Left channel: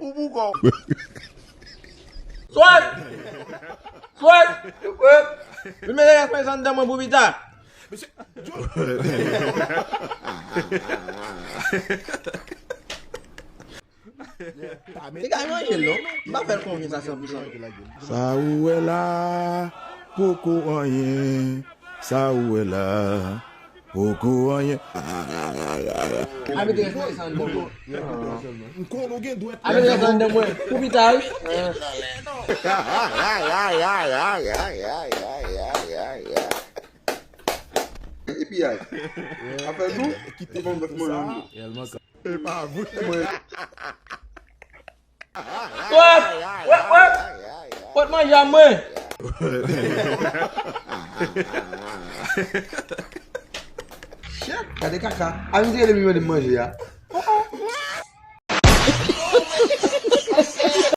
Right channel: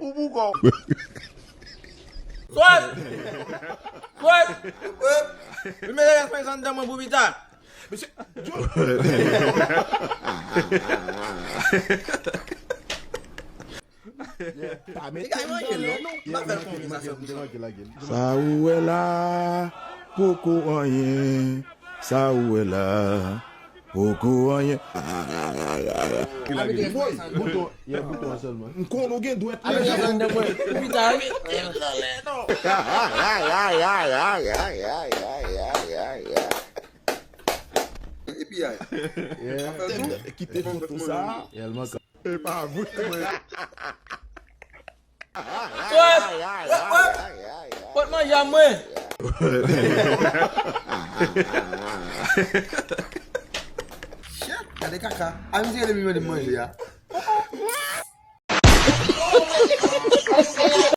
Bubuko. Swat! Swat! Li men lè fè san dèmè pou bita. Sa ou est là, beaucoup rien. Sa ou est là, beaucoup rien. Quittez tout ça. Et pas vous. Pot manje mwen. Kade kaka, a mi se ele mi de manje ya.